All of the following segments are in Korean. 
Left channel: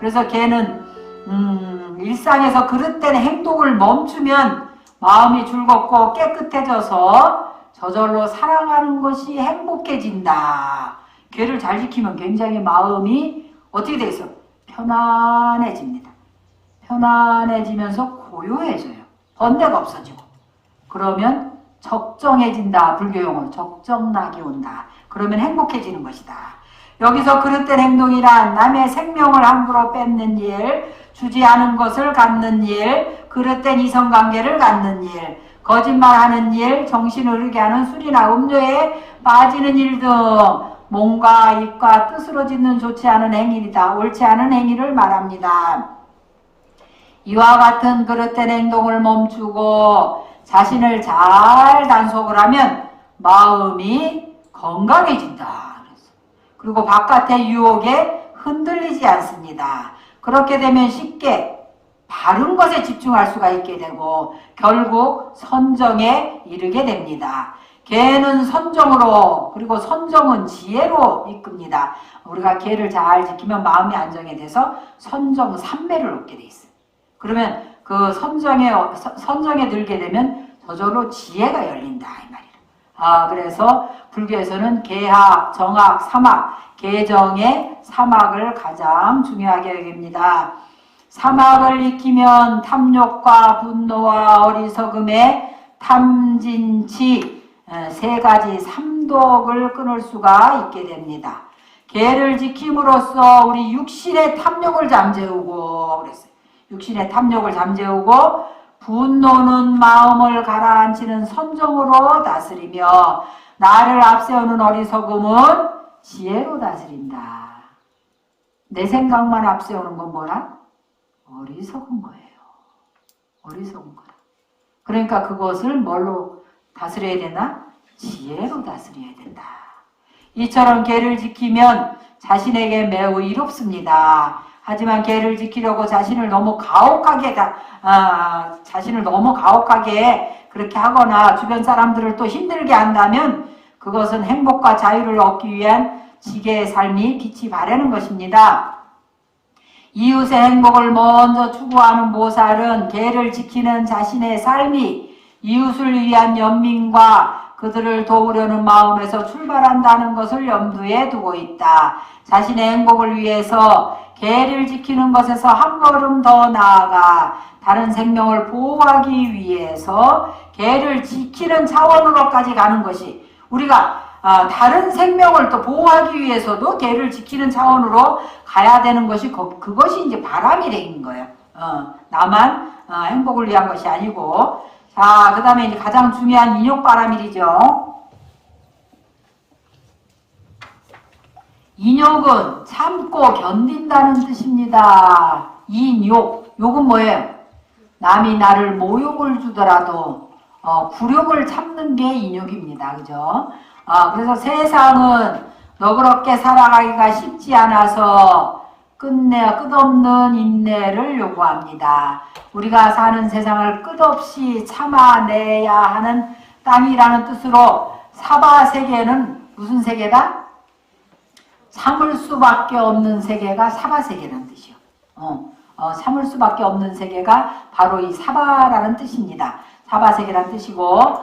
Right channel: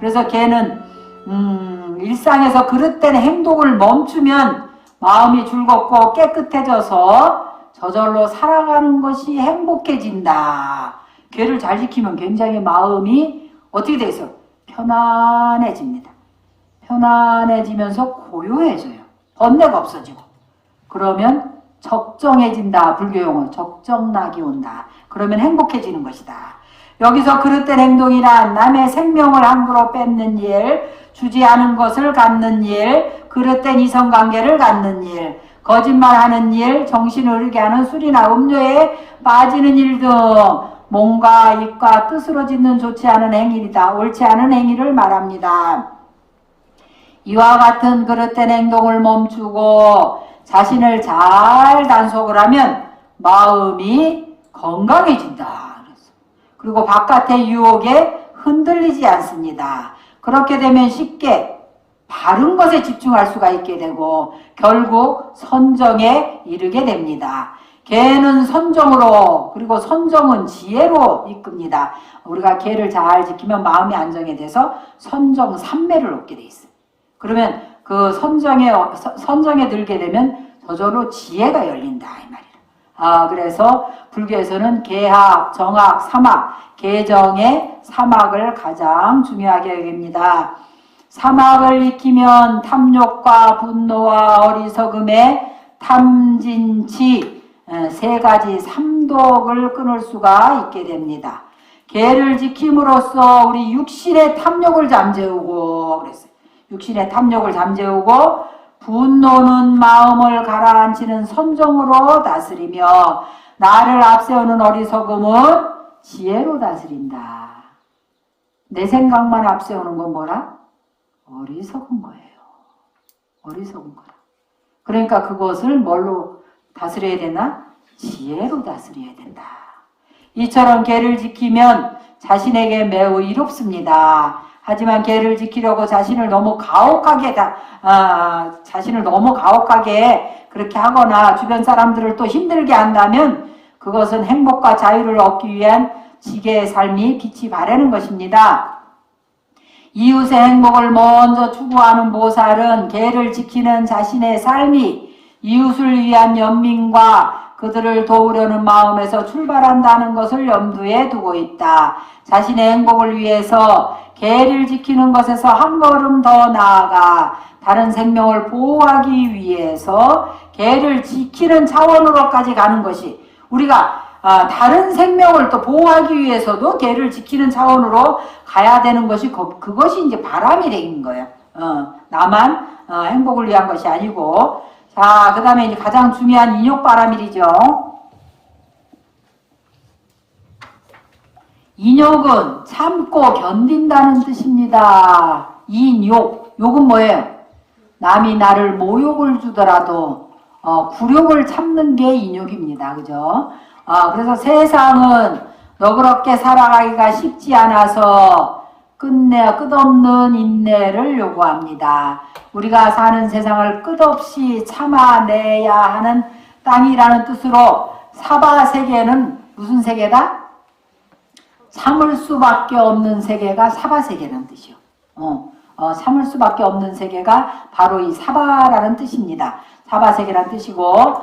그래서 개는 일상에서 그릇된 행동을 멈추면 마음이 즐겁고 깨끗해져서 저절로 살아가는 것이 행복해진다. 개를 잘 지키면 굉장히 마음이 어떻게 돼서 편안해집니다. 편안해지면서 고요해져요. 번뇌가 없어지고. 그러면 적정해진다. 불교용어 적정락이 온다. 그러면 행복해지는 것이다. 여기서 그릇된 행동이란 남의 생명을 함부로 뺏는 일, 주지 않은 것을 갖는 일, 그릇된 이성관계를 갖는 일, 거짓말하는 일, 정신을 흐르게 하는 술이나 음료에 빠지는 일 등 몸과 입과 뜻으로 짓는 좋지 않은 행위이다. 옳지 않은 행위를 말합니다. 이와 같은 그릇된 행동을 멈추고 자신을 잘 단속을 하면 마음이 건강해진다. 그리고 바깥의 유혹에 흔들리지 않습니다. 그렇게 되면 쉽게 바른 것에 집중할 수가 있게 되고 결국 선정에 이르게 됩니다. 개는 선정으로, 그리고 선정은 지혜로 이끕니다. 우리가 개를 잘 지키면 마음이 안정이 돼서 선정 삼매를 얻게 돼 있어요. 그러면 그 선정에 들게 되면 저절로 지혜가 열린다 이 말이에요. 그래서 불교에서는 개학, 정학, 삼학, 개정의 삼학을 가장 중요하게 여깁니다. 삼학을 익히면 탐욕과 분노와 어리석음의 탐진치 세 가지 삼독을 끊을 수가 있게 됩니다. 개를 지킴으로써 우리 육신의 탐욕을 잠재우고 그랬어요. 육신의 탐욕을 잠재우고 분노는 마음을 가라앉히는 선정으로 다스리며 나를 앞세우는 어리석음은 지혜로 다스린다. 내 생각만 앞세우는 건 뭐라? 어리석은 거예요. 어리석은 거라. 그러니까 그것을 뭘로 다스려야 되나? 지혜로 다스려야 된다. 이처럼 개를 지키면 자신에게 매우 이롭습니다. 하지만 개를 지키려고 자신을 너무 가혹하게 그렇게 하거나 주변 사람들을 또 힘들게 한다면 그것은 행복과 자유를 얻기 위한 지게의 삶이 빛이 바라는 것입니다. 이웃의 행복을 먼저 추구하는 보살은 개를 지키는 자신의 삶이 이웃을 위한 연민과 그들을 도우려는 마음에서 출발한다는 것을 염두에 두고 있다. 자신의 행복을 위해서 개를 지키는 것에서 한 걸음 더 나아가 다른 생명을 보호하기 위해서 개를 지키는 차원으로까지 가는 것이 우리가 다른 생명을 또 보호하기 위해서도 개를 지키는 차원으로 가야 되는 것이 그것이 이제 바람이 되는 거예요. 나만 행복을 위한 것이 아니고. 자, 그 다음에 이제 가장 중요한 인욕바람일이죠. 인욕은 참고 견딘다는 뜻입니다. 인욕, 욕은 뭐예요? 남이 나를 모욕을 주더라도 굴욕을 참는 게 인욕입니다. 그죠? 그래서 세상은 너그럽게 살아가기가 쉽지 않아서 끝없는 인내를 요구합니다. 우리가 사는 세상을 끝없이 참아내야 하는 땅이라는 뜻으로 사바세계는 무슨 세계다? 참을 수밖에 없는 세계가 사바세계라는 뜻이요. 참을 수밖에 없는 세계가 바로 이 사바라는 뜻입니다. 사바세계라는 뜻이고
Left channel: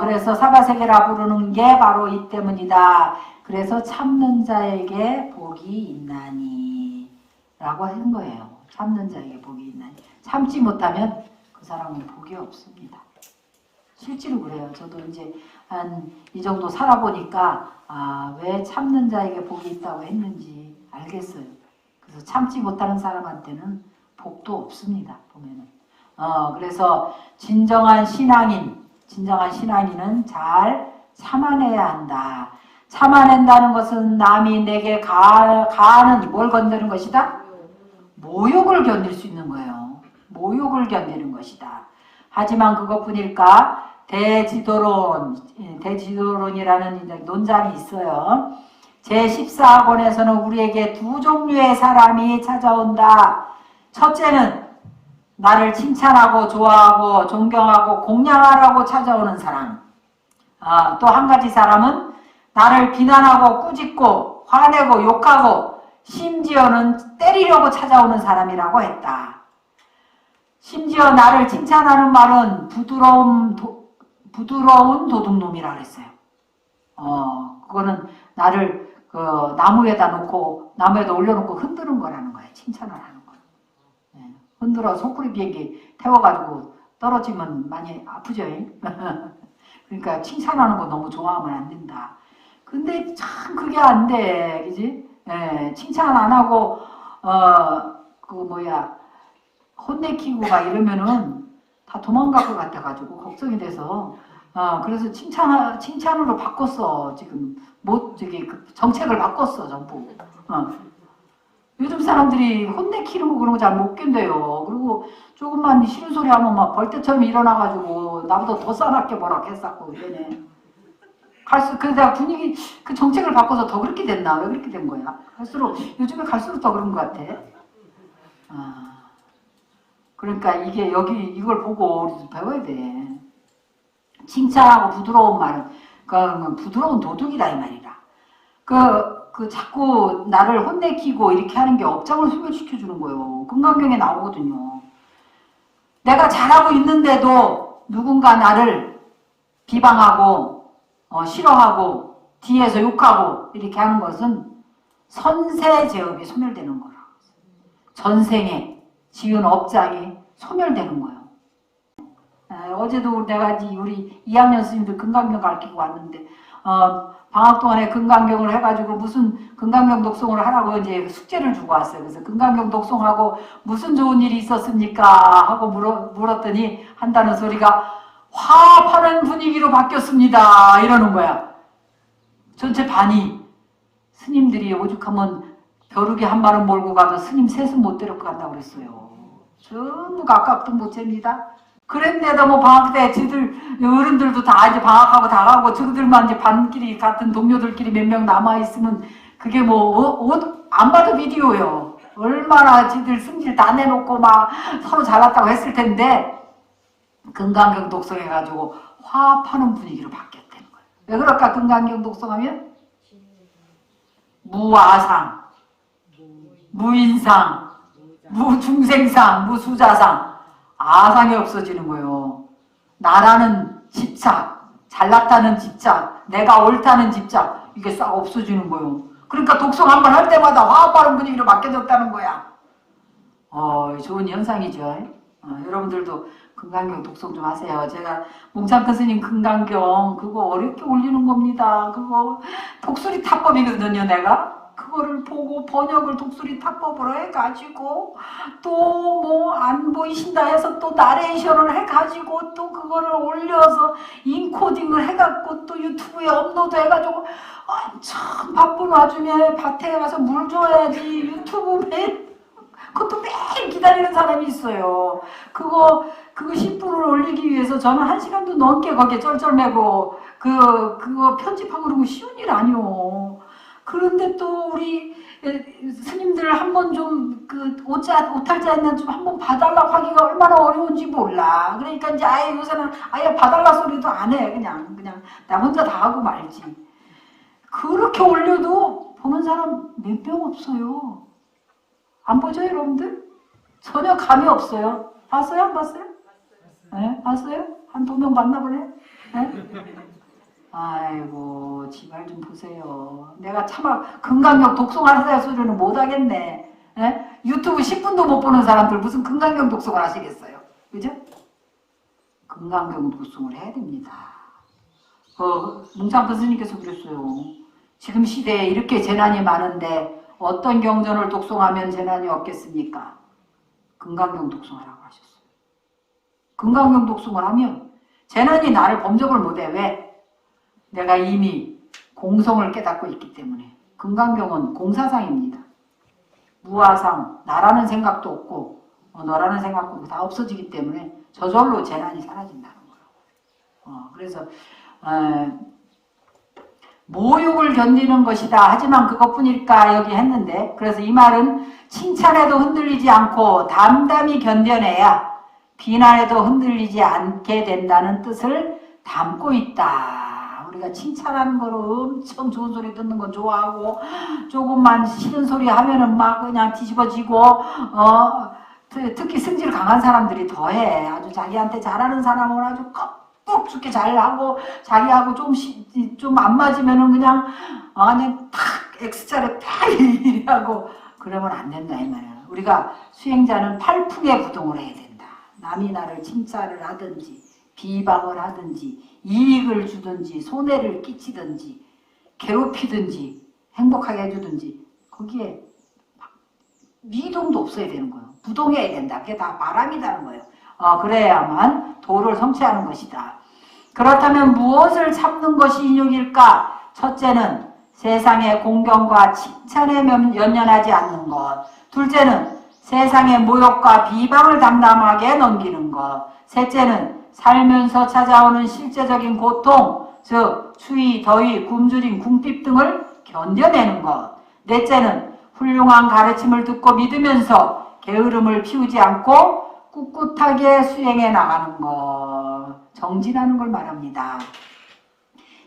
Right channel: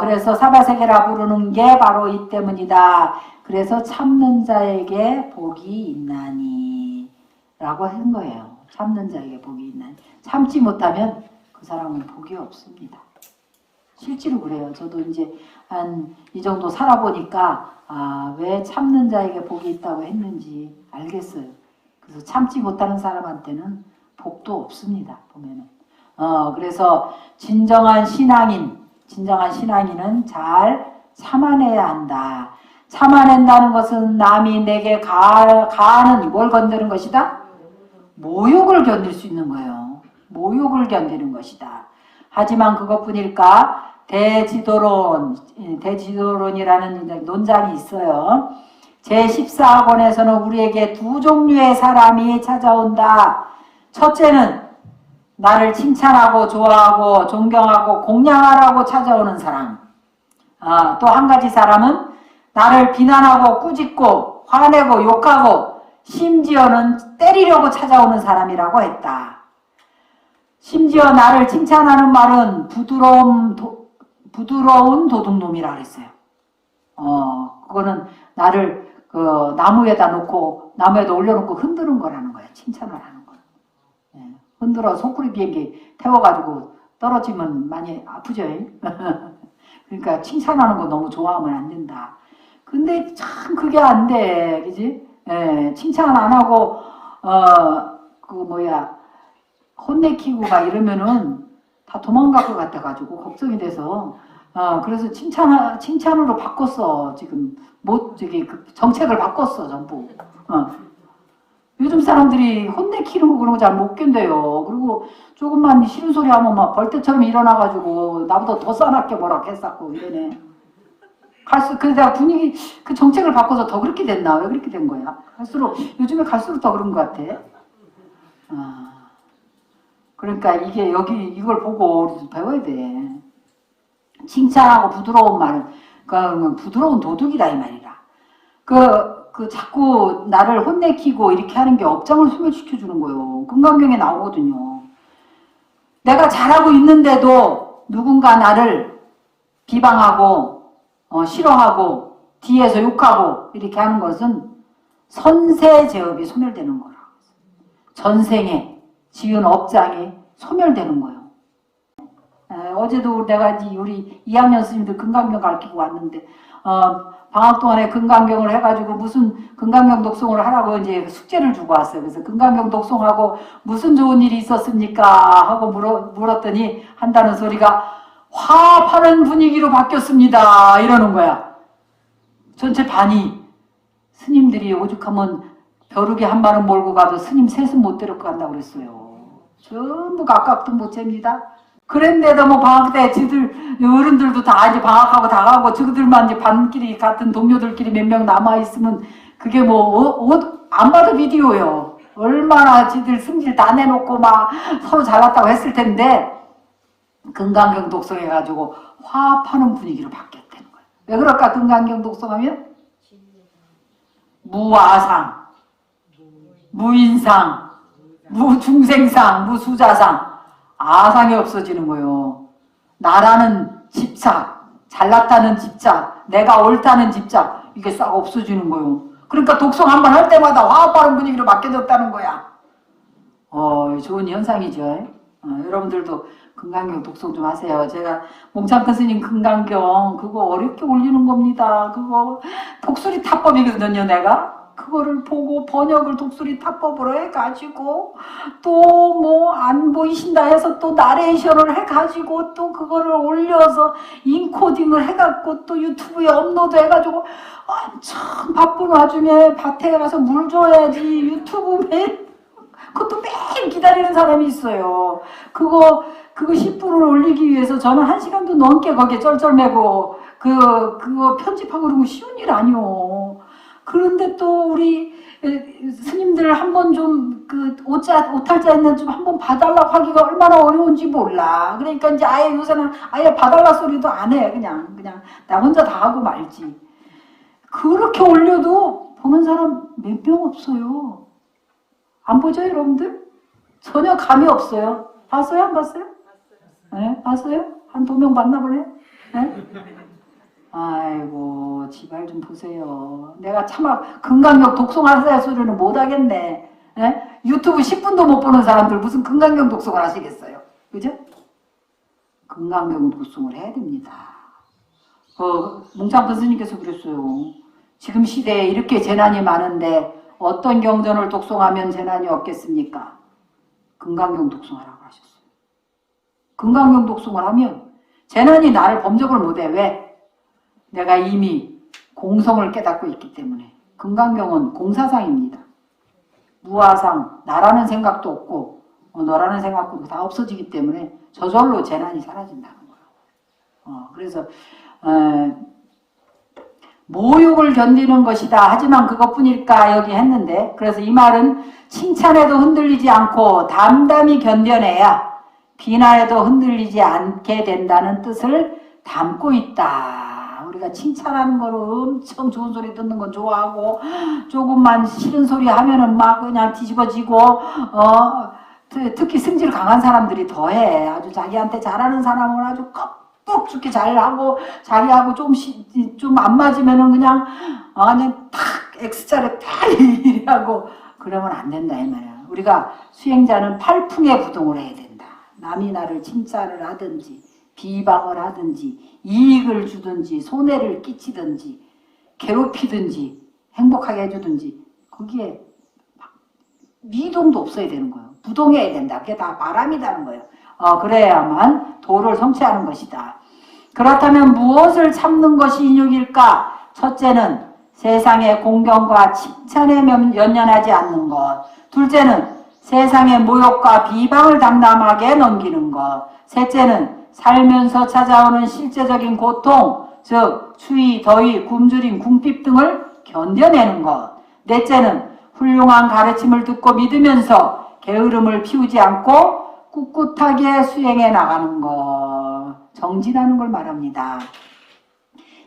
그래서 사바세계라 부르는 게 바로 이 때문이다. 그래서 참는 자에게 복이 있나니 라고 한 거예요. 참는 자에게 복이 있나니. 참지 못하면 그 사람은 복이 없습니다. 실제로 그래요. 저도 이제 한 이 정도 살아보니까 왜 참는 자에게 복이 있다고 했는지 알겠어요. 그래서 참지 못하는 사람한테는 복도 없습니다. 보면은. 그래서 진정한 신앙인은 잘 참아내야 한다. 참아낸다는 것은 남이 내게 가하는 뭘 건드는 것이다? 모욕을 견딜 수 있는 거예요. 모욕을 견디는 것이다. 하지만 그것뿐일까? 대지도론이라는 논장이 있어요. 제14학원에서는 우리에게 두 종류의 사람이 찾아온다. 첫째는 나를 칭찬하고 좋아하고 존경하고 공양하라고 찾아오는 사람. 또 한 가지 사람은 나를 비난하고 꾸짖고 화내고 욕하고 심지어는 때리려고 찾아오는 사람이라고 했다. 심지어 나를 칭찬하는 말은 부드러운 도둑놈이라고 했어요. 그거는 나를 나무에다 놓고 나무에다 올려놓고 흔드는 거라는 거예요. 칭찬을 하는 거. 예. 흔들어 소쿠리 비행기 태워가지고 떨어지면 많이 아프죠. 그러니까 칭찬하는 거 너무 좋아하면 안 된다. 근데 참 그게 안 돼, 그지? 예, 칭찬 안 하고 혼내키고 막 이러면은 다 도망갈 것 같아가지고 걱정이 돼서 그래서 칭찬으로 바꿨어. 지금 그 정책을 바꿨어 전부. 요즘 사람들이 혼내키고 그런 거 잘 못 견뎌요. 그리고 조금만 싫은 소리 하면 막 벌떼처럼 일어나가지고 나보다 더 싸납게 뭐라 했었고 이러네. 그래서 내가 그 정책을 바꿔서 더 그렇게 됐나? 왜 그렇게 된 거야? 요즘에 갈수록 더 그런 것 같아. 그러니까 이걸 보고 우리도 배워야 돼. 칭찬하고 부드러운 말은, 그건 부드러운 도둑이라 이 말이라. 자꾸 나를 혼내키고 이렇게 하는 게 업장을 소멸시켜주는 거예요. 금강경에 나오거든요. 내가 잘하고 있는데도 누군가 나를 비방하고, 싫어하고, 뒤에서 욕하고, 이렇게 하는 것은 선세제업이 소멸되는 거라고. 전생에 지은 업장이 소멸되는 거예요. 어제도 내가 우리 2학년 스님들 금강경 가르치고 왔는데, 방학 동안에 금강경을 해가지고 무슨 금강경 독송을 하라고 이제 숙제를 주고 왔어요. 그래서 금강경 독송하고 무슨 좋은 일이 있었습니까? 하고 물었더니 한다는 소리가 화합하는 분위기로 바뀌었습니다. 이러는 거야. 전체 반이 스님들이 오죽하면 벼룩에 한 마름 몰고 가도 스님 셋은 못 데리고 간다고 그랬어요. 전부 가깝도 못 잽니다. 그랬는데도 뭐 방학 때 지들 어른들도 다 이제 방학하고 다 가고 저들만 이제 반끼리 같은 동료들끼리 몇 명 남아 있으면 그게 안 봐도 비디오요. 얼마나 지들 승질 다 내놓고 막 서로 잘났다고 했을 텐데 금강경 독송해가지고 화합하는 분위기로 바뀌었다는 거야. 왜 그럴까? 금강경 독송하면 무아상, 무인상, 무중생상, 무수자상 아상이 없어지는 거요. 나라는 집착, 잘났다는 집착, 내가 옳다는 집착 이게 싹 없어지는 거요. 그러니까 독송 한번 할 때마다 화합하는 분위기로 바뀌어졌다는 거야. 좋은 현상이죠. 여러분들도 금강경 독송 좀 하세요. 제가 몽참큰 스님 금강경 그거 어렵게 올리는 겁니다. 그거 독수리 타법이거든요. 내가 그거를 보고 번역을 독수리 타법으로 해가지고 또 뭐 안 보이신다 해서 또 나레이션을 해가지고 또 그거를 올려서 인코딩을 해갖고 또 유튜브에 업로드 해가지고 엄청 바쁜 와중에 밭에 가서 물 줘야지 유튜브 그것도 매일 기다리는 사람이 있어요. 그거 10분을 올리기 위해서 저는 1시간도 넘게 거기에 쩔쩔매고 그거 편집하고 그러면 쉬운 일 아니오. 그런데 또 우리 스님들 한번 좀 오탈자 있는 좀 한번 봐달라고 하기가 얼마나 어려운지 몰라. 그러니까 이제 아예 요새는 아예 봐달라 소리도 안 해. 그냥 나 혼자 다 하고 말지. 그렇게 올려도 보는 사람 몇 명 없어요. 안 보죠, 여러분들? 전혀 감이 없어요. 봤어요? 안 봤어요? 네? 봤어요? 한 2명 봤나 보네? 네? 아이고, 지발 좀 보세요. 내가 차마 금강경 독송하세요 소리는 못하겠네. 네? 유튜브 10분도 못 보는 사람들 무슨 금강경 독송을 하시겠어요? 그죠? 금강경 독송을 해야 됩니다. 몽창큰 스님께서 그랬어요. 지금 시대에 이렇게 재난이 많은데 어떤 경전을 독송하면 재난이 없겠습니까? 금강경 독송하라고 하셨어요. 금강경 독송을 하면 재난이 나를 범접을 못해. 왜? 내가 이미 공성을 깨닫고 있기 때문에. 금강경은 공사상입니다. 무아상, 나라는 생각도 없고 너라는 생각도 다 없어지기 때문에 저절로 재난이 사라진다는 거예요. 그래서 모욕을 견디는 것이다. 하지만 그것뿐일까 여기 했는데, 그래서 이 말은 칭찬에도 흔들리지 않고 담담히 견뎌내야 비난에도 흔들리지 않게 된다는 뜻을 담고 있다. 우리가 칭찬하는 거를 엄청 좋은 소리 듣는 건 좋아하고 조금만 싫은 소리 하면은 막 그냥 뒤집어지고 특히 승질 강한 사람들이 더해. 아주 자기한테 잘하는 사람은 아주 꼭 죽게 잘하고 자기하고 좀 안 맞으면은 그냥 탁 X자를 탁 이래하고 그러면 안 된다 이 말이야. 우리가 수행자는 팔풍의 부동을 해야 된다. 남이 나를 칭찬을 하든지 비방을 하든지 이익을 주든지 손해를 끼치든지 괴롭히든지 행복하게 해주든지 거기에 미동도 없어야 되는 거예요. 부동해야 된다. 그게 다 바람이라는 거예요. 그래야만 도를 성취하는 것이다. 그렇다면 무엇을 참는 것이 인욕일까? 첫째는 세상의 공경과 칭찬에 연연하지 않는 것. 둘째는 세상의 모욕과 비방을 담담하게 넘기는 것. 셋째는 살면서 찾아오는 실제적인 고통, 즉 추위, 더위, 굶주림, 궁핍 등을 견뎌내는 것. 넷째는 훌륭한 가르침을 듣고 믿으면서 게으름을 피우지 않고 꿋꿋하게 수행해 나가는 것. 정진하는 걸 말합니다.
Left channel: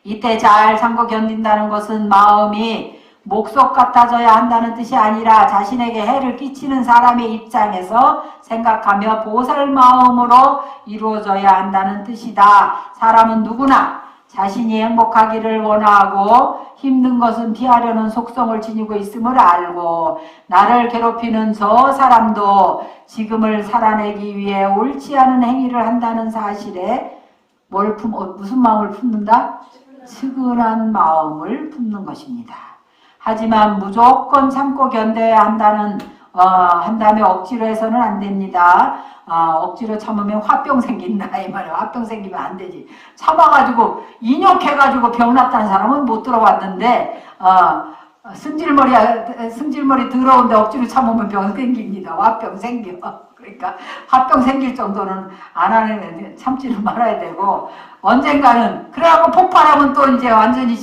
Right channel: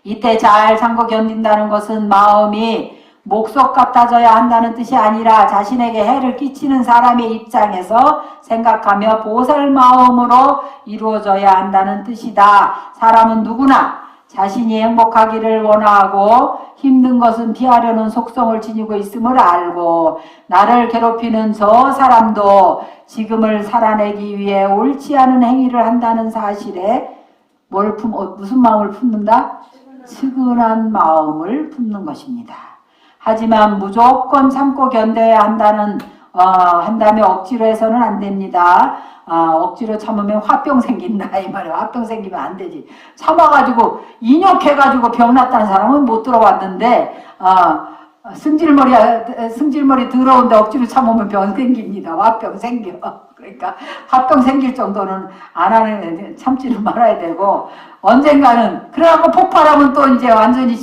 이때 잘 참고 견딘다는 것은 마음이 목석 같아져야 한다는 뜻이 아니라 자신에게 해를 끼치는 사람의 입장에서 생각하며 보살 마음으로 이루어져야 한다는 뜻이다. 사람은 누구나 자신이 행복하기를 원하고 힘든 것은 피하려는 속성을 지니고 있음을 알고 나를 괴롭히는 저 사람도 지금을 살아내기 위해 옳지 않은 행위를 한다는 사실에 무슨 마음을 품는다? 측은한 마음을 품는 것입니다. 하지만 무조건 참고 견뎌야 한다며 억지로 해서는 안 됩니다. 억지로 참으면 화병 생긴다 이 말이야. 화병 생기면 안 되지. 참아가지고 인욕해가지고 병 났다는 사람은 못 들어봤는데 승질머리 더러운데 억지로 참으면 병 생깁니다. 화병 생겨. 그러니까 화병 생길 정도는 안 하는 참지는 말아야 되고 언젠가는 그래갖고 폭발하면 또 이제 완전히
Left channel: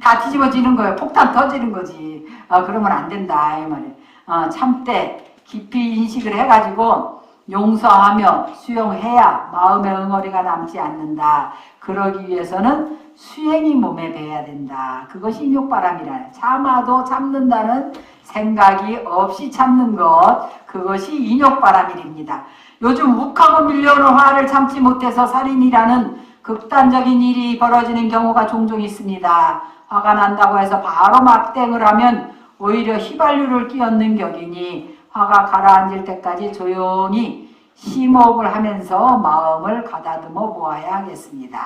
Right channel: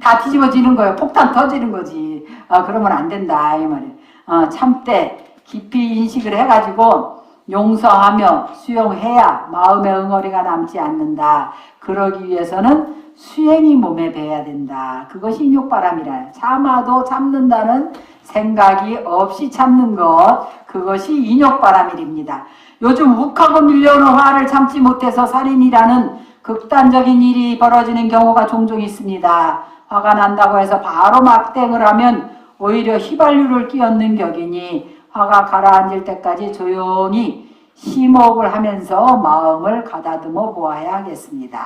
다 뒤집어지는 거예요. 폭탄 터지는 거지. 그러면 안 된다 이 말이에요. 참되 깊이 인식을 해가지고 용서하며 수용해야 마음의 응어리가 남지 않는다. 그러기 위해서는 수행이 몸에 배야 된다. 그것이 인욕바람이라. 참아도 참는다는 생각이 없이 참는 것, 그것이 인욕바람일입니다. 요즘 욱하고 밀려오는 화를 참지 못해서 살인이라는 극단적인 일이 벌어지는 경우가 종종 있습니다. 화가 난다고 해서 바로 막대응을 하면 오히려 휘발유를 끼얹는 격이니 화가 가라앉을 때까지 조용히 심호흡을 하면서 마음을 가다듬어 보아야 하겠습니다.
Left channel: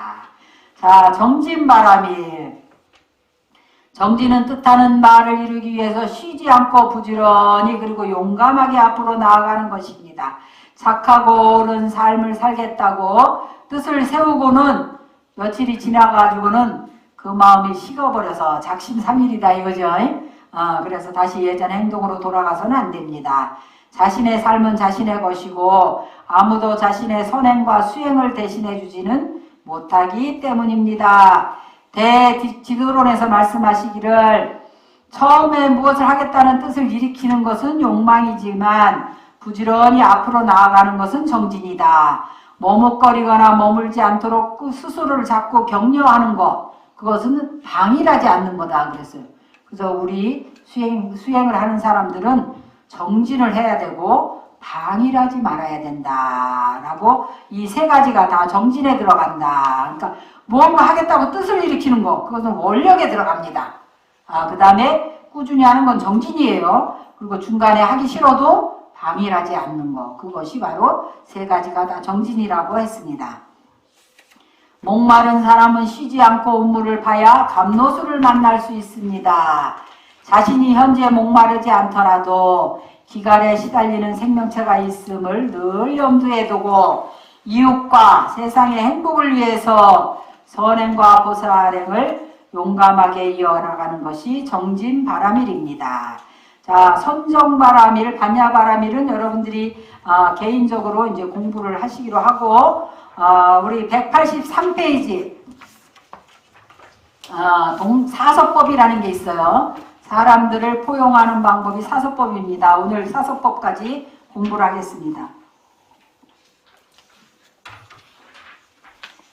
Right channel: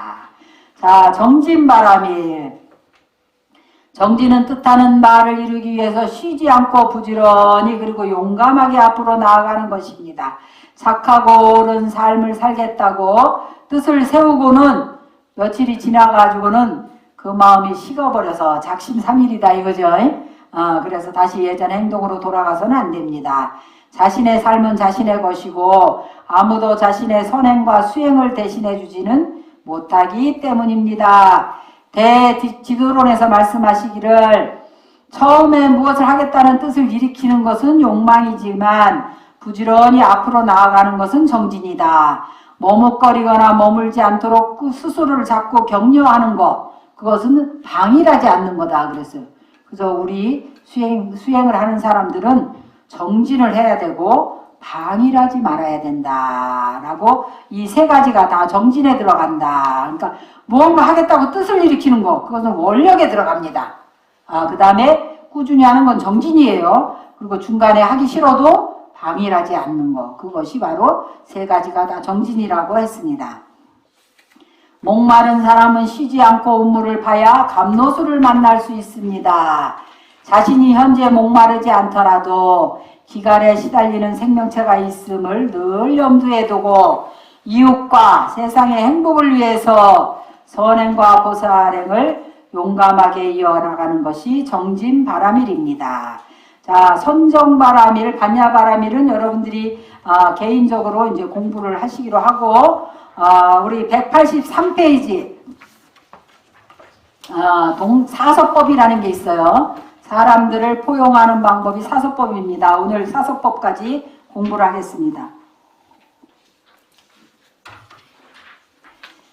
자, 정진바람일. 정진은 뜻하는 바를 이루기 위해서 쉬지 않고 부지런히 그리고 용감하게 앞으로 나아가는 것입니다. 착하고 옳은 삶을 살겠다고 뜻을 세우고는 며칠이 지나가지고는 그 마음이 식어버려서 작심삼일이다 이거죠. 그래서 다시 예전 행동으로 돌아가서는 안 됩니다. 자신의 삶은 자신의 것이고 아무도 자신의 선행과 수행을 대신해 주지는 못하기 때문입니다. 대지도론에서 말씀하시기를 처음에 무엇을 하겠다는 뜻을 일으키는 것은 욕망이지만 부지런히 앞으로 나아가는 것은 정진이다. 머뭇거리거나 머물지 않도록 스스로를 자꾸 격려하는 것, 그것은 방일하지 않는 거다 그랬어요. 그래서 우리 수행을 하는 사람들은 정진을 해야 되고 방일하지 말아야 된다라고 이 세 가지가 다 정진에 들어간다. 그러니까 무언가 하겠다고 뜻을 일으키는 거, 그것은 원력에 들어갑니다. 그 다음에 꾸준히 하는 건 정진이에요. 그리고 중간에 하기 싫어도 방일하지 않는 거, 그것이 바로 세 가지가 다 정진이라고 했습니다. 목마른 사람은 쉬지 않고 우물을 파야 감로수를 만날 수 있습니다. 자신이 현재 목마르지 않더라도 기갈에 시달리는 생명체가 있음을 늘 염두에 두고 이웃과 세상의 행복을 위해서 선행과 보살행을 용감하게 이어나가는 것이 정진바람일입니다. 자, 선정바람일, 반야바람일은 여러분들이 개인적으로 이제 공부를 하시기로 하고 우리 183페이지 사서법이라는 게 있어요. 사람들을 포용하는 방법이 사서법입니다. 오늘 사서법까지 공부를 하겠습니다.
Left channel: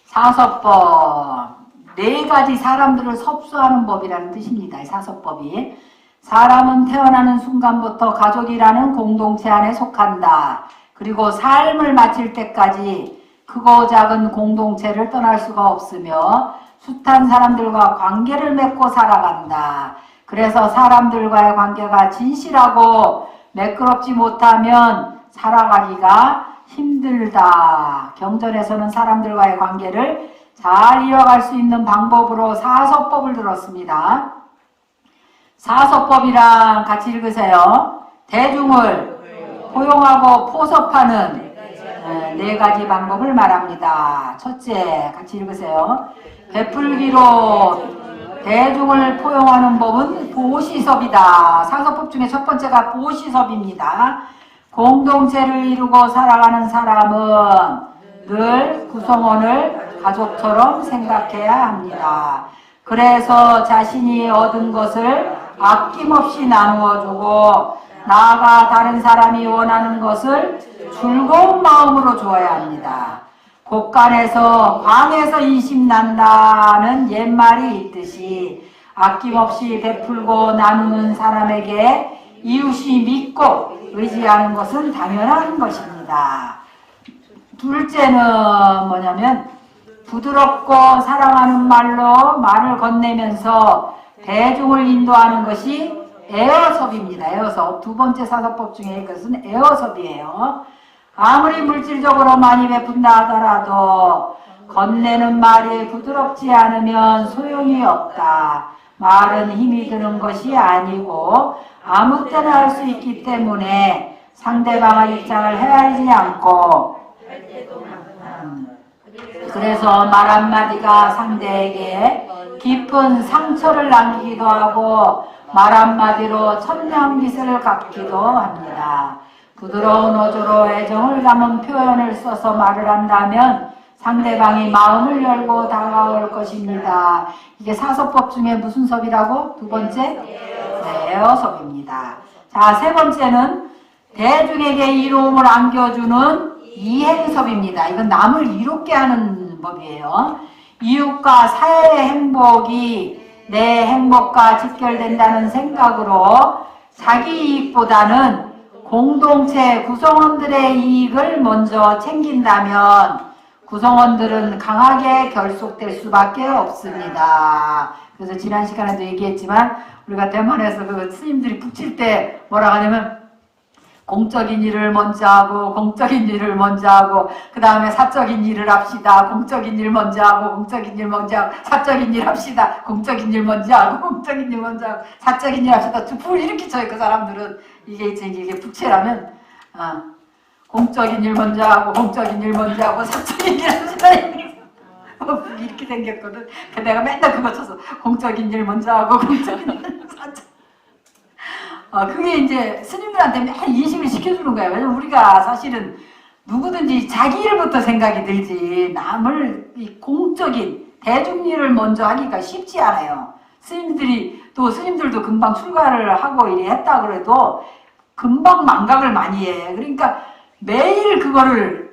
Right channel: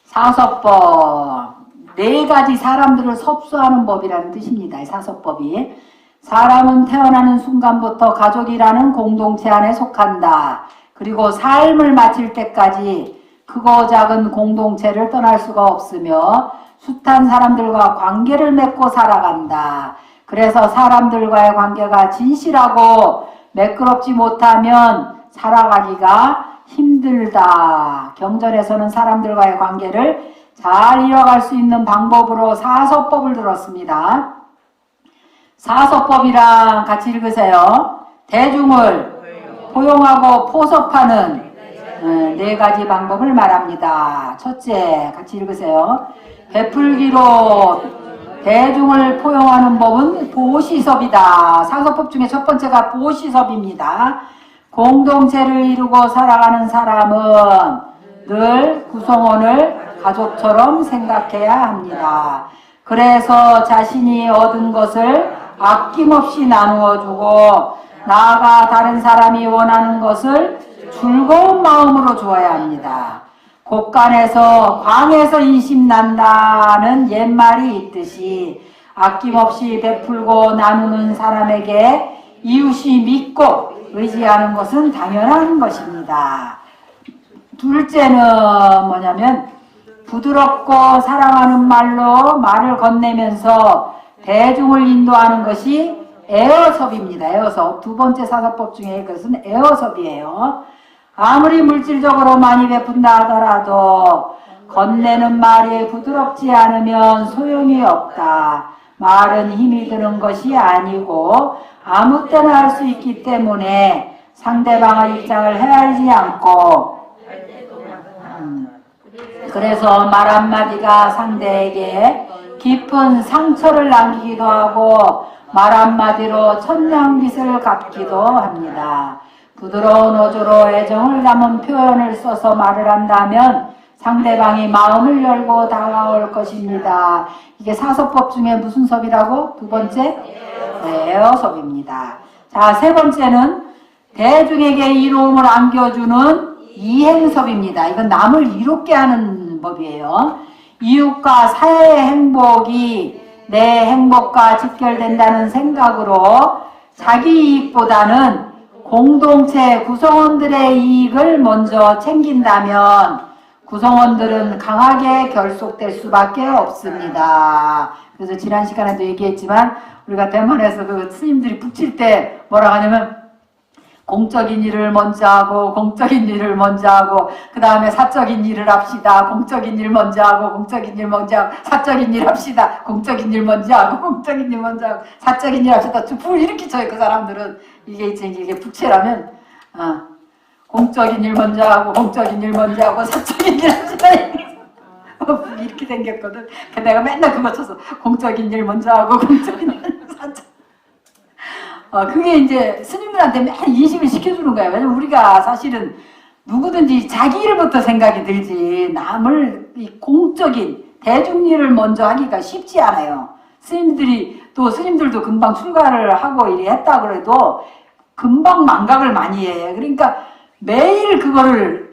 사서법 네 가지 사람들을 섭수하는 법이라는 뜻입니다. 이 사섭법이. 사람은 태어나는 순간부터 가족이라는 공동체 안에 속한다. 그리고 삶을 마칠 때까지 크고 작은 공동체를 떠날 수가 없으며 숱한 사람들과 관계를 맺고 살아간다. 그래서 사람들과의 관계가 진실하고 매끄럽지 못하면 살아가기가 힘들다. 경전에서는 사람들과의 관계를 잘 이어갈 수 있는 방법으로 사서법을 들었습니다. 사서법이랑 같이 읽으세요. 대중을 포용하고 포섭하는 네 가지 방법을 말합니다. 첫째, 같이 읽으세요. 베풀기로 대중을 포용하는 법은 보시섭이다. 사서법 중에 첫 번째가 보시섭입니다. 공동체를 이루고 살아가는 사람은 늘 구성원을 가족처럼 생각해야 합니다. 그래서 자신이 얻은 것을 아낌없이 나누어주고 나아가 다른 사람이 원하는 것을 즐거운 마음으로 주어야 합니다. 곳간에서 광에서 인심난다는 옛말이 있듯이 아낌없이 베풀고 나누는 사람에게 이웃이 믿고 의지하는 것은 당연한 것입니다. 둘째는 뭐냐면 부드럽고 사랑하는 말로 말을 건네면서 대중을 인도하는 것이 에어섭입니다. 에어섭. 두 번째 사서법 중에 이것은 에어섭이에요. 아무리 물질적으로 많이 베푼다 하더라도 건네는 말이 부드럽지 않으면 소용이 없다. 말은 힘이 드는 것이 아니고 아무 때나 할 수 있기 때문에 상대방의 입장을 헤아리지 않고 그래서 말 한마디가 상대에게 깊은 상처를 남기기도 하고 말 한마디로 천냥빚을 갚기도 합니다. 부드러운 어조로 애정을 담은 표현을 써서 말을 한다면 상대방이 마음을 열고 다가올 것입니다. 이게 사서법 중에 무슨 섭이라고? 두 번째? 에어섭입니다. 자, 세 번째는 대중에게 이로움을 안겨주는 이행섭입니다. 이건 남을 이롭게 하는 법이에요. 이웃과 사회의 행복이 내 행복과 직결된다는 생각으로 자기 이익보다는 공동체 구성원들의 이익을 먼저 챙긴다면 구성원들은 강하게 결속될 수밖에 없습니다. 그래서 지난 시간에도 얘기했지만 우리가 대만에서 그 스님들이 북칠 때 뭐라고 하냐면 공적인 일을 먼저 하고 공적인 일을 먼저 하고 그 다음에 사적인 일을 합시다. 공적인 일 먼저 하고 공적인 일 먼저 하고 사적인 일 합시다. 공적인 일 먼저 하고 공적인 일 먼저 하고 사적인 일 합시다. 불 이렇게 쳐요. 그 사람들은 이게 부채라면 공적인 일 먼저 하고 공적인 일 먼저 하고 사적인 일 합시다. 이렇게 생겼거든. 내가 맨날 그거 쳐서 공적인 일 먼저 하고 공적인 일 사적 그게 이제 스님들한테 맨날 인식을 시켜주는 거예요. 왜냐면 우리가 사실은 누구든지 자기 일부터 생각이 들지 남을 이 공적인 대중 일을 먼저 하기가 쉽지 않아요. 스님들도 금방 출가를 하고 했다 그래도 금방 망각을 많이 해. 그러니까 매일 북을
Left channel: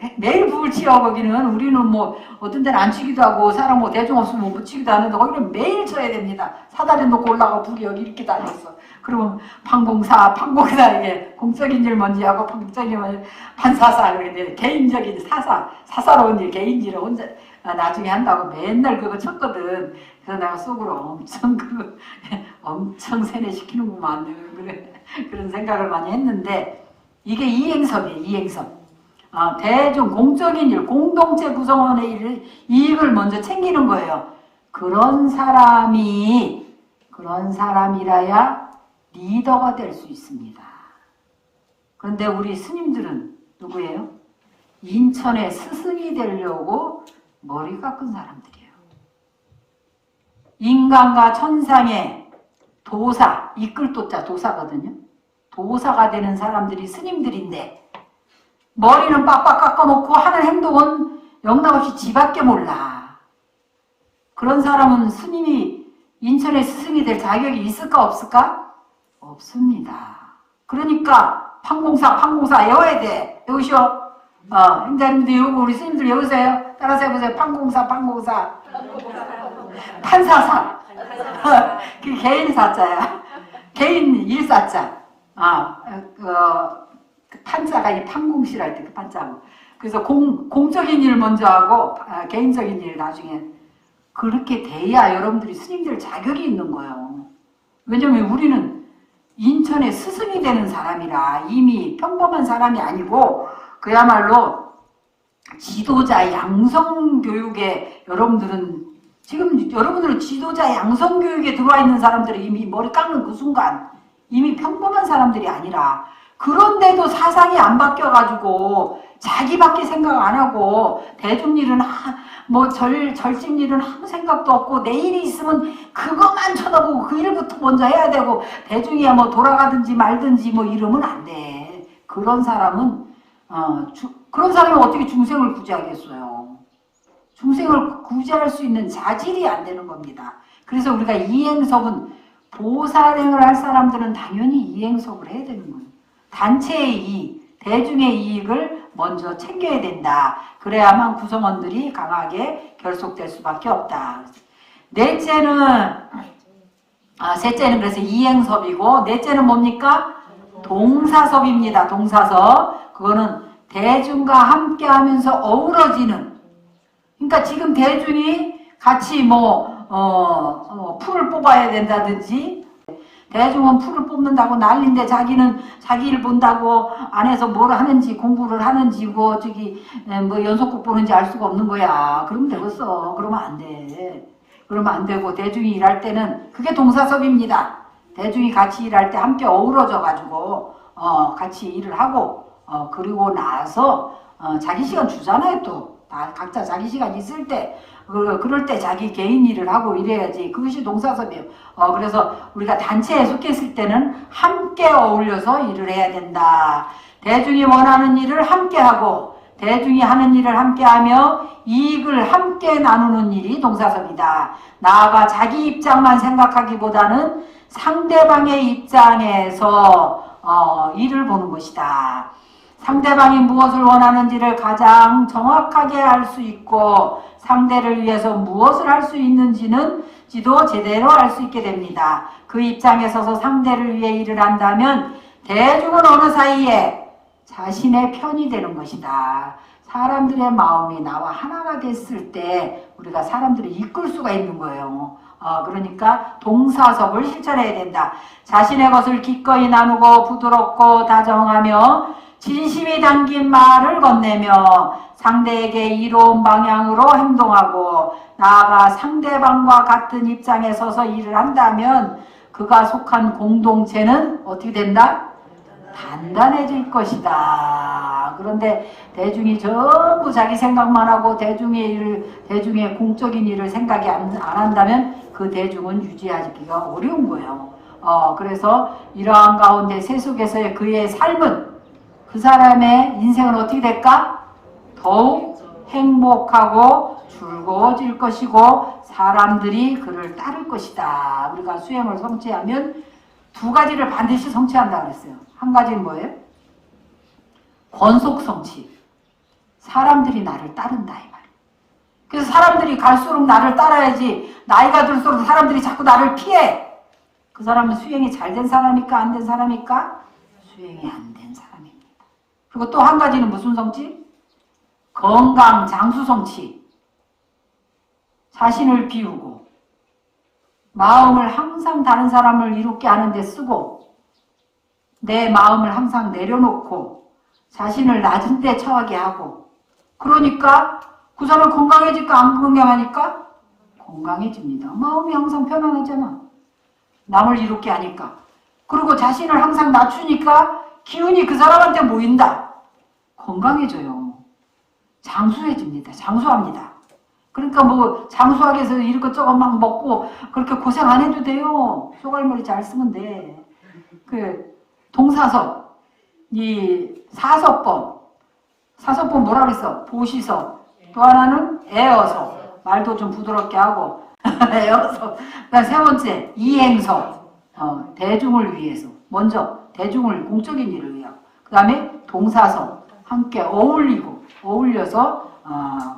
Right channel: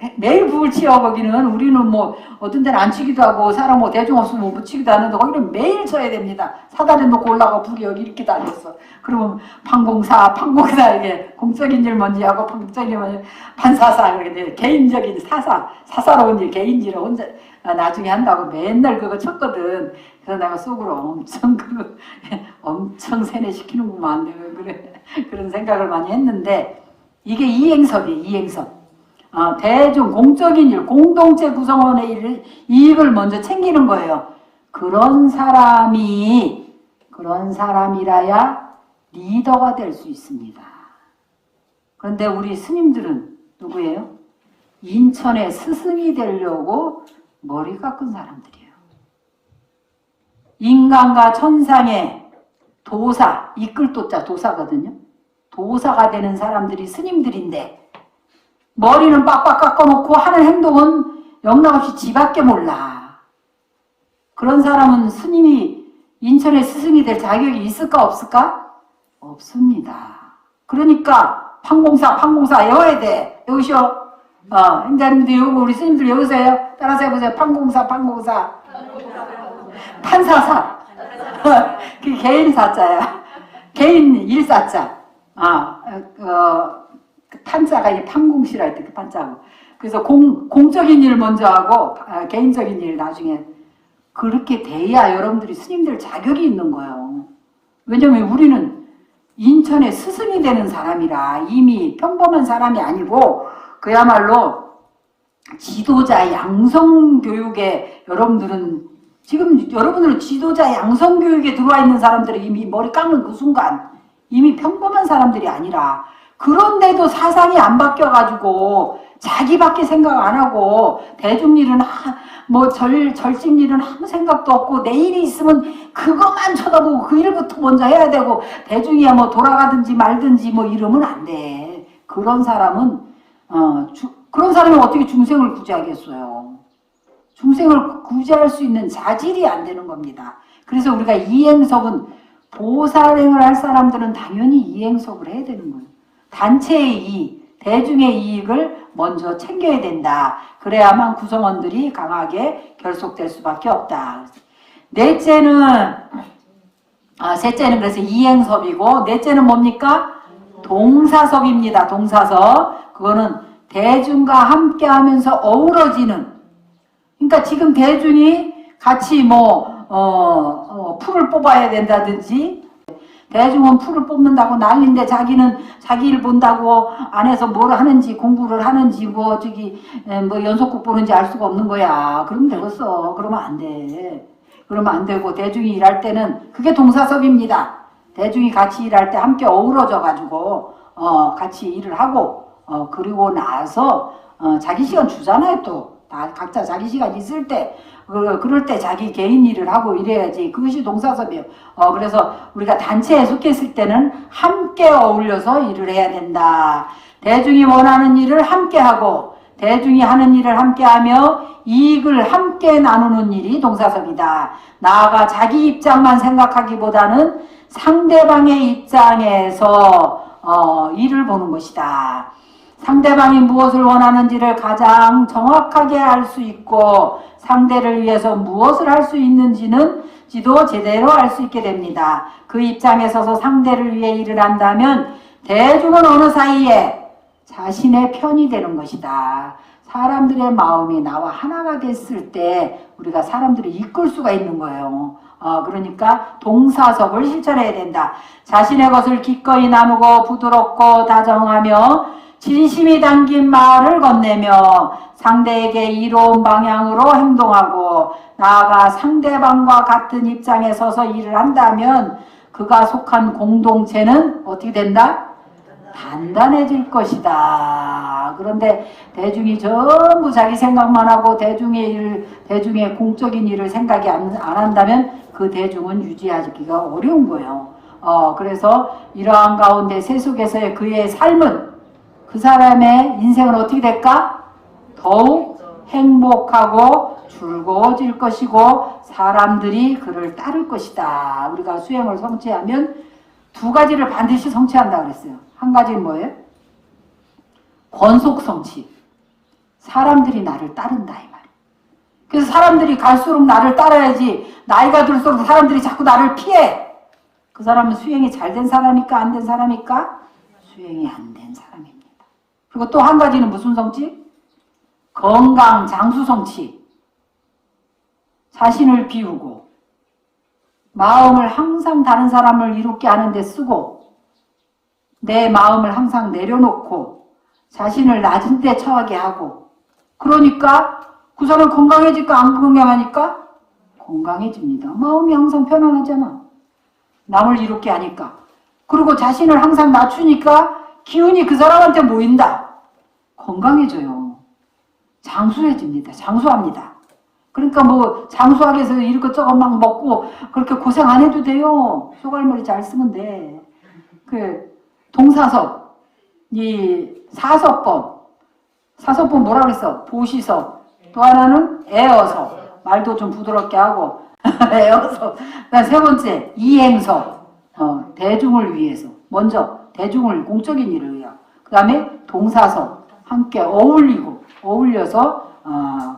치어보기는 우리는 뭐 어떤 데는 안 치기도 하고 사람 뭐 대중 없으면 못 치기도 하는데 거기는 매일 쳐야 됩니다. 사다리 놓고 올라가 북이 여기 이렇게 달렸어. 그러면 판공사 이게 공적인 일 먼저 하고 공적인 일 먼저 판사사 이렇게 개인적인 사사로운 일 개인일을 혼자 나중에 한다고 맨날 그거 쳤거든. 그래서 내가 속으로 엄청 세뇌시키는구만 그런 생각을 많이 했는데 이게 이행섭이에요. 이행섭. 대중 공적인 일 공동체 구성원의 이익을 먼저 챙기는 거예요. 그런 사람이라야 리더가 될 수 있습니다. 그런데 우리 스님들은 누구예요? 인천의 스승이 되려고 머리 깎은 사람들이에요. 인간과 천상의 도사, 이끌 도사거든요. 도사가 되는 사람들이 스님들인데 머리는 빡빡 깎아놓고 하는 행동은 영락없이 지밖에 몰라. 그런 사람은 스님이 인천의 스승이 될 자격이 있을까 없을까? 없습니다. 그러니까 판공사 외워야 돼. 외우셔. 행자님도 외우고 우리 스님들 외우세요. 따라서 해보세요. 판공사 판사사. 그 개인사자야. 개인 일사자. 판자가 이 판공실할 때 그 판자고. 그래서 공적인 일 먼저 하고 개인적인 일 나중에 그렇게 돼야 여러분들이 스님들 자격이 있는 거예요. 왜냐면 우리는 인천의 스승이 되는 사람이라 이미 평범한 사람이 아니고 그야말로 지도자 양성교육에 여러분들은 지도자 양성교육에 들어와 있는 사람들이 이미 머리 깎는 그 순간 이미 평범한 사람들이 아니라 그런데도 사상이 안 바뀌어가지고 자기밖에 생각 안 하고 대중일은 절직일은 아무 생각도 없고 내일이 있으면 그것만 쳐다보고 그 일부터 먼저 해야 되고 대중이야 돌아가든지 말든지 이러면 안 돼. 그런 사람은 어떻게 중생을 구제하겠어요. 중생을 구제할 수 있는 자질이 안 되는 겁니다. 그래서 우리가 이행석은 보살행을 할 사람들은 당연히 이행석을 해야 되는 거예요. 단체의 이익, 대중의 이익을 먼저 챙겨야 된다. 그래야만 구성원들이 강하게 결속될 수밖에 없다. 셋째는 그래서 이행섭이고 넷째는 뭡니까? 동사섭입니다. 동사섭. 그거는 대중과 함께 하면서 어우러지는. 그러니까 지금 대중이 같이 풀을 뽑아야 된다든지 대중은 풀을 뽑는다고 난리인데 자기는 자기 일 본다고 안에서 뭘 하는지 공부를 하는지 연속극 보는지 알 수가 없는 거야. 그러면 되겠어. 그러면 안 돼. 그러면 안 되고 대중이 일할 때는 그게 동사섭입니다. 대중이 같이 일할 때 함께 어우러져 가지고 같이 일을 하고 그리고 나서 자기 시간 주잖아요. 또 각자 자기 시간 있을 때 그럴 때 자기 개인 일을 하고 이래야지. 그것이 동사섭이에요. 그래서 우리가 단체에 속했을 때는 함께 어울려서 일을 해야 된다. 대중이 원하는 일을 함께 하고 대중이 하는 일을 함께 하며 이익을 함께 나누는 일이 동사섭이다. 나아가 자기 입장만 생각하기보다는 상대방의 입장에서 일을 보는 것이다. 상대방이 무엇을 원하는지를 가장 정확하게 알 수 있고 상대를 위해서 무엇을 할 수 있는지는 지도 제대로 알 수 있게 됩니다. 그 입장에 서서 상대를 위해 일을 한다면 대중은 어느 사이에 자신의 편이 되는 것이다. 사람들의 마음이 나와 하나가 됐을 때 우리가 사람들을 이끌 수가 있는 거예요. 그러니까 동사섭을 실천해야 된다. 자신의 것을 기꺼이 나누고 부드럽고 다정하며 진심이 담긴 말을 건네며 상대에게 이로운 방향으로 행동하고 나아가 상대방과 같은 입장에 서서 일을 한다면 그가 속한 공동체는 어떻게 된다? 단단해질 것이다. 그런데 대중이 전부 자기 생각만 하고 대중의 공적인 일을 생각이 안 한다면 그 대중은 유지하기가 어려운 거예요. 그래서 이러한 가운데 세속에서의 그의 삶은 그 사람의 인생은 어떻게 될까? 더욱 행복하고 즐거워질 것이고 사람들이 그를 따를 것이다. 우리가 수행을 성취하면 두 가지를 반드시 성취한다고 그랬어요. 한 가지는 뭐예요? 권속 성취. 사람들이 나를 따른다 이 말이에요. 그래서 사람들이 갈수록 나를 따라야지 나이가 들수록 사람들이 자꾸 나를 피해. 그 사람은 수행이 잘 된 사람입니까? 안 된 사람입니까? 수행이 안 된 사람입니다. 그리고 또 한 가지는 무슨 성취? 건강 장수 성취. 자신을 비우고 마음을 항상 다른 사람을 이롭게 하는 데 쓰고 내 마음을 항상 내려놓고 자신을 낮은 데 처하게 하고 그러니까 그 사람 건강해질까 안 건강하니까? 건강해집니다. 마음이 항상 편안하잖아. 남을 이롭게 하니까. 그리고 자신을 항상 낮추니까 기운이 그 사람한테 모인다. 건강해져요. 장수해집니다. 장수합니다. 그러니까 장수하기 위해서 이것저것 막 먹고 그렇게 고생 안 해도 돼요. 소갈머리 잘 쓰면 돼. 동사섭, 이 사섭법 뭐라 그랬어? 보시섭. 또 하나는 애어섭. 말도 좀 부드럽게 하고 애어섭. 그다음 세 번째 이행섭. 대중을 위해서. 먼저 대중을 공적인 일을 위하여. 그 다음에 동사섭. 함께 어울려서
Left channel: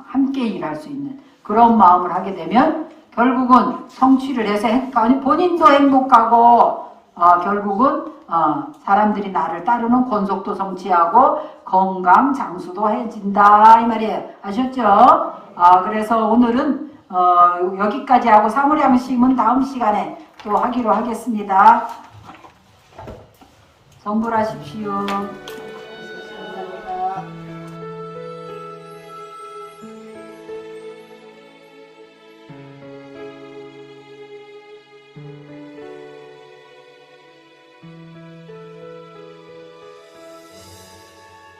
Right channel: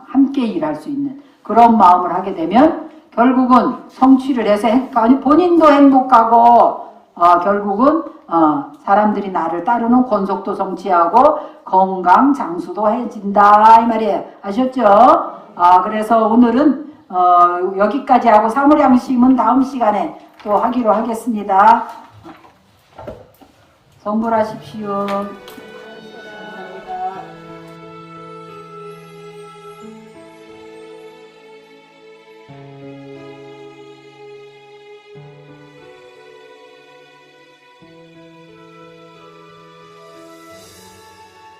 함께 일할 수 있는 그런 마음을 하게 되면 결국은 성취를 해서 아니, 본인도 행복하고 결국은 사람들이 나를 따르는 권속도 성취하고 건강 장수도 해진다 이 말이에요. 아셨죠? 그래서 오늘은 여기까지 하고 사무량심은 다음 시간에 또 하기로 하겠습니다. 선물하십시오.